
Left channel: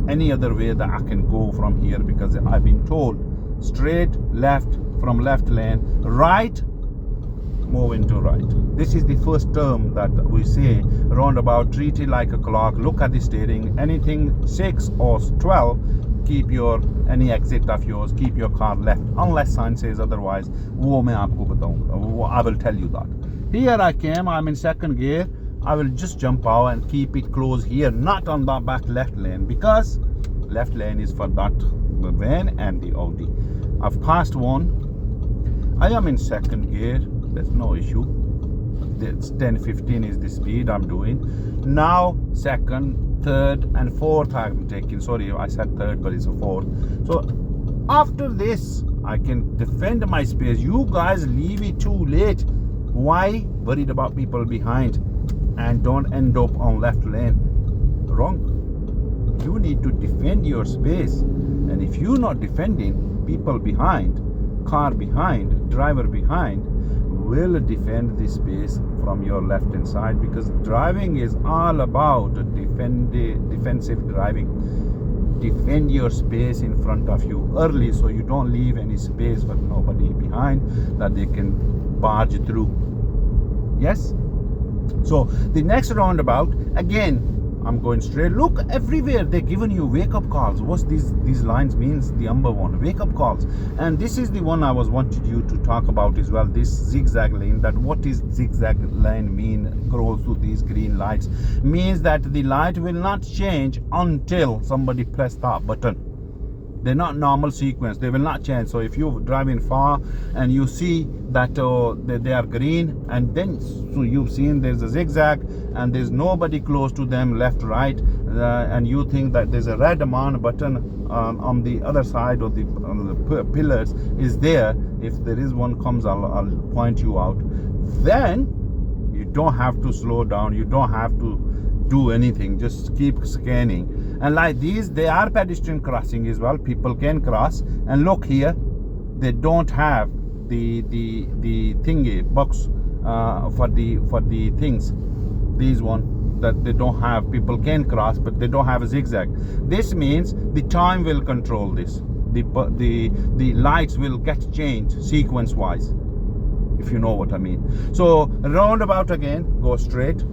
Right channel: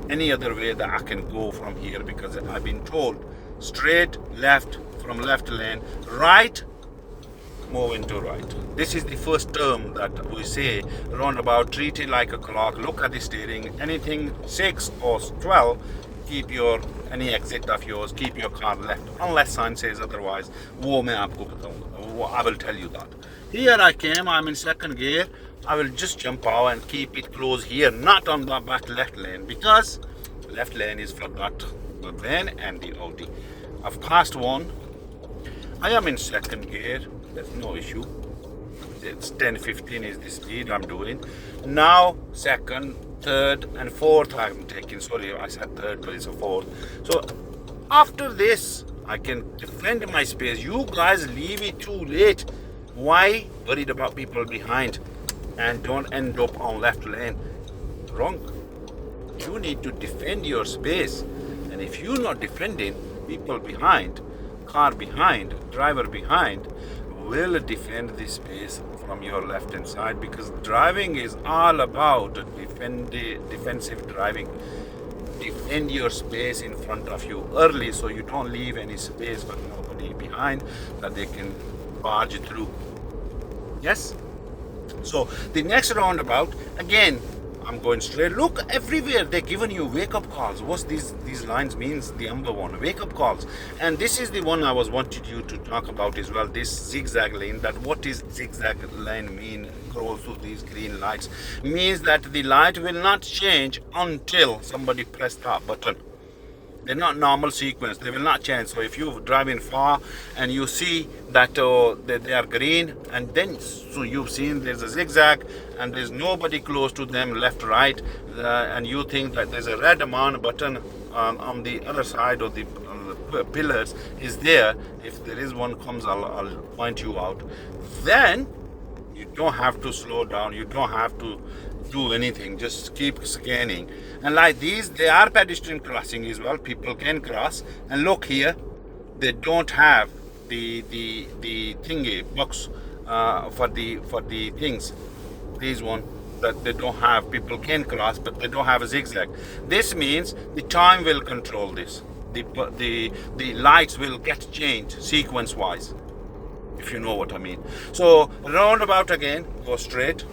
any other way that I can go from here, because I've been told straight, left, from left lane, right, move into right. This is the first term that we say, roundabout, treat it like a clock, look at the steering, anything 6 or 12, keep your any exit of yours, keep your car left, unless sign says otherwise. वो मैं आपको बताऊंगा, I will tell you that. Here I came, I'm in second gear, I will just jump out and keep it close here, not on the back left lane, because left lane is for that the van and the Audi. I've passed one, I am in second gear, there's no issue. It's 10-15 is the speed I'm doing. Now second, third and fourth I'm taking. Sorry, I said third, but it's a fourth. So after this, I can defend my space. You guys leave it too late. Why? Worried about people behind, and don't end up on left lane. Wrong. You need to defend your space. And if you're not defending, people behind, car behind, driver behind, will defend the space from your left hand side, because driving is all about defensive driving. Defend your space in front of you early, so you don't leave any space for nobody behind that they can barge through. Yes? So the next roundabout, again, I'm going straight. Look, everywhere they're giving you wake-up calls. What's these lines means? The number one, wake-up calls. And this is the one I was wanted you to talk about as well. This zigzag lane. That what is zigzag lane mean? Goes to these green lights means that the light will not change until somebody press that button. They're not normal sequence. They will not change. So if you're driving far and you see that they are green, and then so you've seen there's a zigzag and there's nobody close to them, left, right, and you think that there's a red on button on the other side of the pillars is there. If there is one comes, I'll point you out. Then you don't have to slow down. You don't have to do anything, just keep scanning. And like these, they are pedestrian crossing as well. People can cross. And look here, they don't have the thingy box for the things. These one that they don't have. People can cross, but they don't have a zigzag. This means the time will control this. The lights will get changed sequence wise, if you know what I mean. So roundabout again, go straight.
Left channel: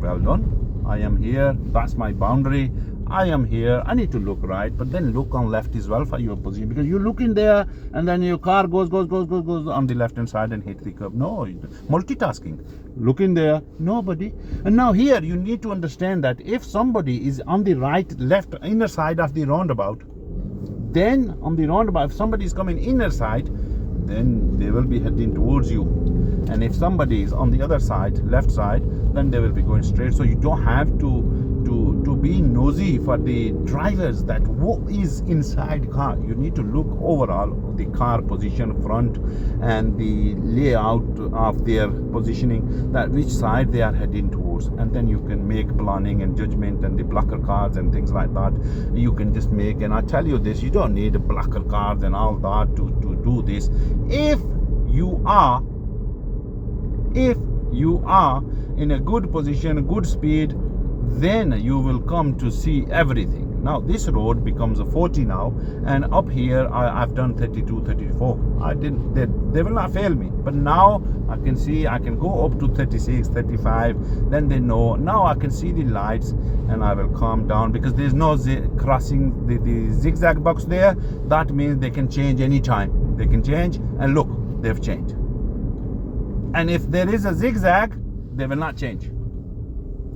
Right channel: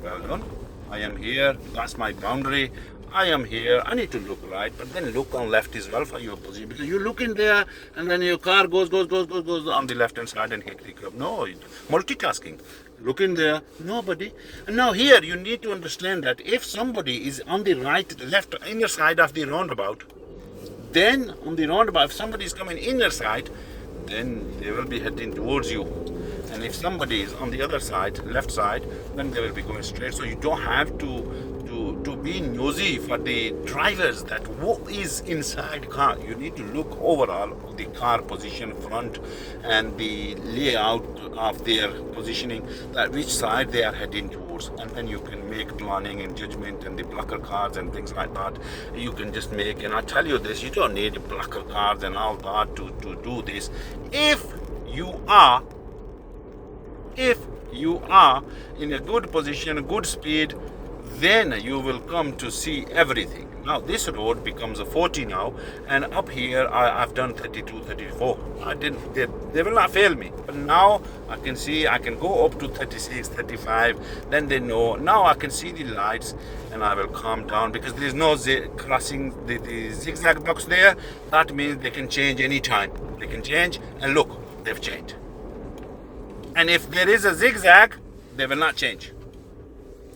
Well done. I am here. That's my boundary. I am here. I need to look right, but then look on left as well for your position, because you look in there and then your car goes on the left hand side and hit the curb. No, multitasking. Look in there, nobody. And now here you need to understand that if somebody is on the right, left, inner side of the roundabout, then on the roundabout, if somebody is coming inner side, then they will be heading towards you. And if somebody is on the other side, left side, then they will be going straight. So you don't have to be nosy for the drivers that what is inside car. You need to look overall the car position, front, and the layout of their positioning, that which side they are heading towards, and then you can make planning and judgment, and the blocker cards and things like that you can just make. And I tell you this, you don't need blocker cards and all that to do this. If you are in a good position, a good speed, then you will come to see everything. Now this road becomes a 40 now, and up here I've done 32, 34. They will not fail me, but now I can see I can go up to 36, 35. Then they know. Now I can see the lights, and I will calm down, because there's no crossing the zigzag box there. That means they can change anytime. They can change, and look, they've changed. And if there is a zigzag, they will not change.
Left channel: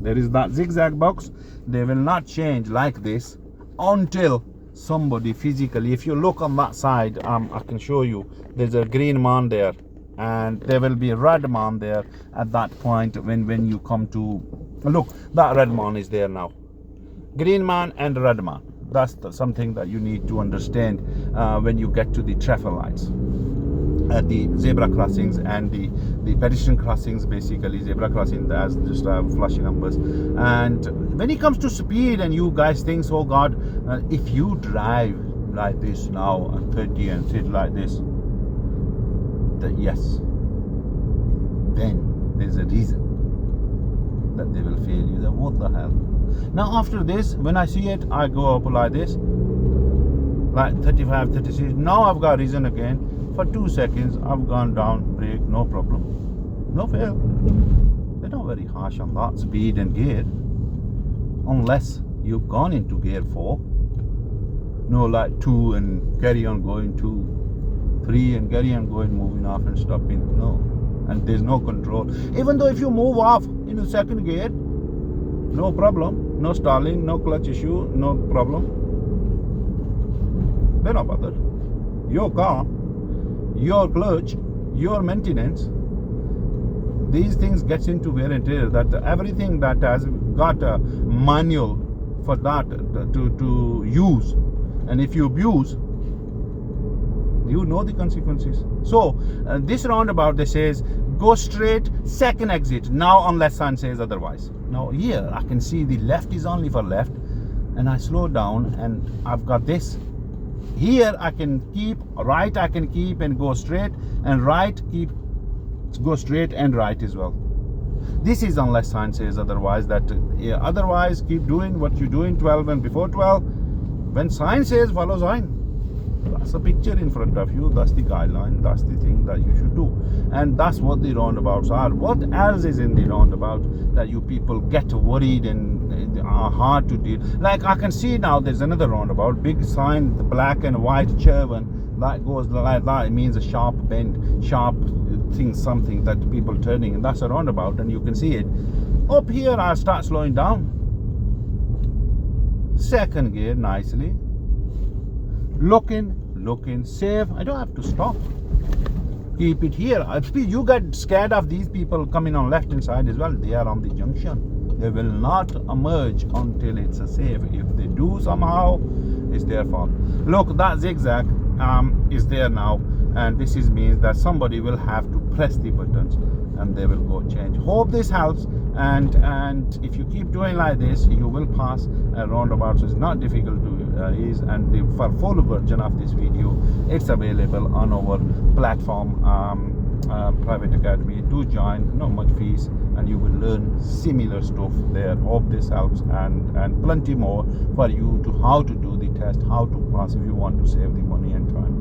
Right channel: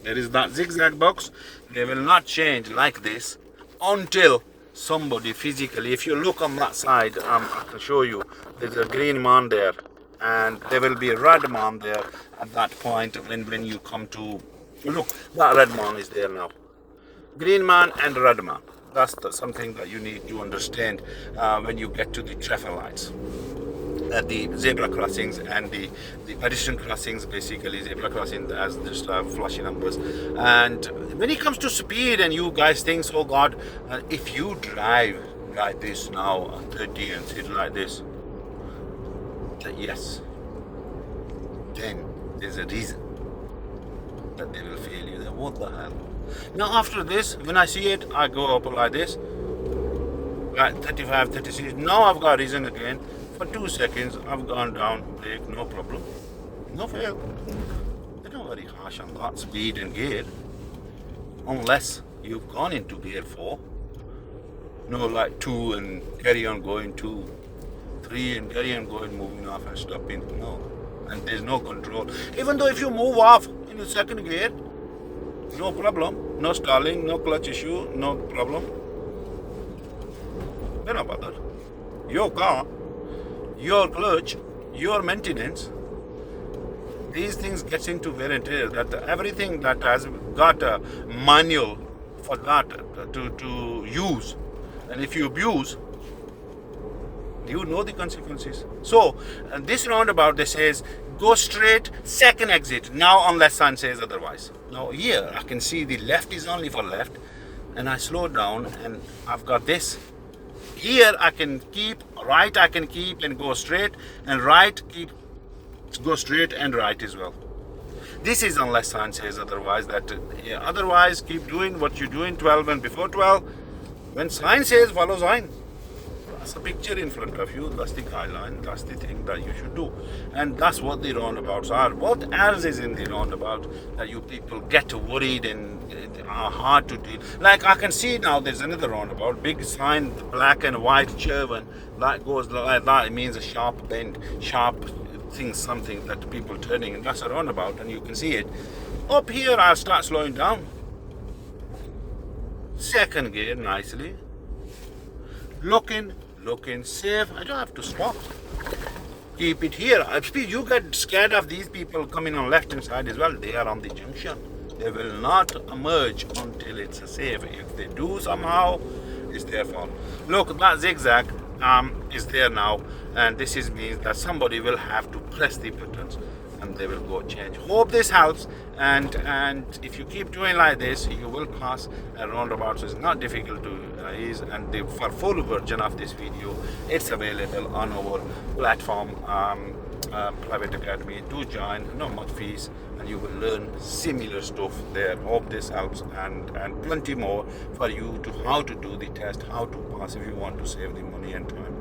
There is that zigzag box, they will not change like this until somebody physically, if you look on that side, I can show you, there's a green man there, and there will be a red man there at that point when you come to, look, that red man is there now. Green man and red man. That's something that you need to understand when you get to the traffic lights. At the zebra crossings and the pedestrian crossings, basically zebra crossing as just flashy numbers. And when it comes to speed, and you guys think, oh God, if you drive like this now 30 and 30 like this, yes, then there's a reason that they will fail you. Then what the hell? Now after this, when I see it, I go up like this, like 35, 36. Now I've got reason again. For 2 seconds, I've gone down, brake, no problem, no fail. They're not very harsh on that speed and gear, unless you've gone into gear 4. No, like 2 and carry on going, 2, 3 and carry on going, moving off and stopping. No, and there's no control. Even though if you move off in the second gear, no problem, no stalling, no clutch issue, no problem. They're not bothered. Your car, your clutch, your maintenance, these things gets into wear and tear. That everything that has got a manual for that to use, and if you abuse, you know the consequences. So this roundabout, they says go straight, second exit now, unless sign says otherwise. Now here I can see the left is only for left, and I slow down, and I've got this. Here I can keep, right I can keep and go straight, and right go straight and right as well. This is unless sign says otherwise. That otherwise keep doing what you're doing, 12 and before 12. When sign says follow sign. That's a picture in front of you. That's the guideline. That's the thing that you should do. And that's what the roundabouts are. What else is in the roundabout that you people get worried and are hard to deal? Like I can see now there's another roundabout, big sign, the black and white chervon, that goes like that. It means a sharp bend, sharp thing, something that people turning, and that's a roundabout, and you can see it. Up here, I'll start slowing down. Second gear, nicely. Looking safe. I don't have to stop. Keep it here. You get scared of these people coming on left hand side as well. They are on the junction. They will not emerge until it's safe. If they do somehow, it's their fault. Look, that zigzag is there now, and this means that somebody will have to press the buttons and they will go change. Hope this helps, and if you keep doing like this, you will pass a roundabout. So it's not difficult to use, and for full version of this video, it's available on our platform, Private Academy. Do join, no much fees, and you will learn similar stuff there. Hope this helps, and plenty more for you to how to do the test, how to pass if you want to save the money and time.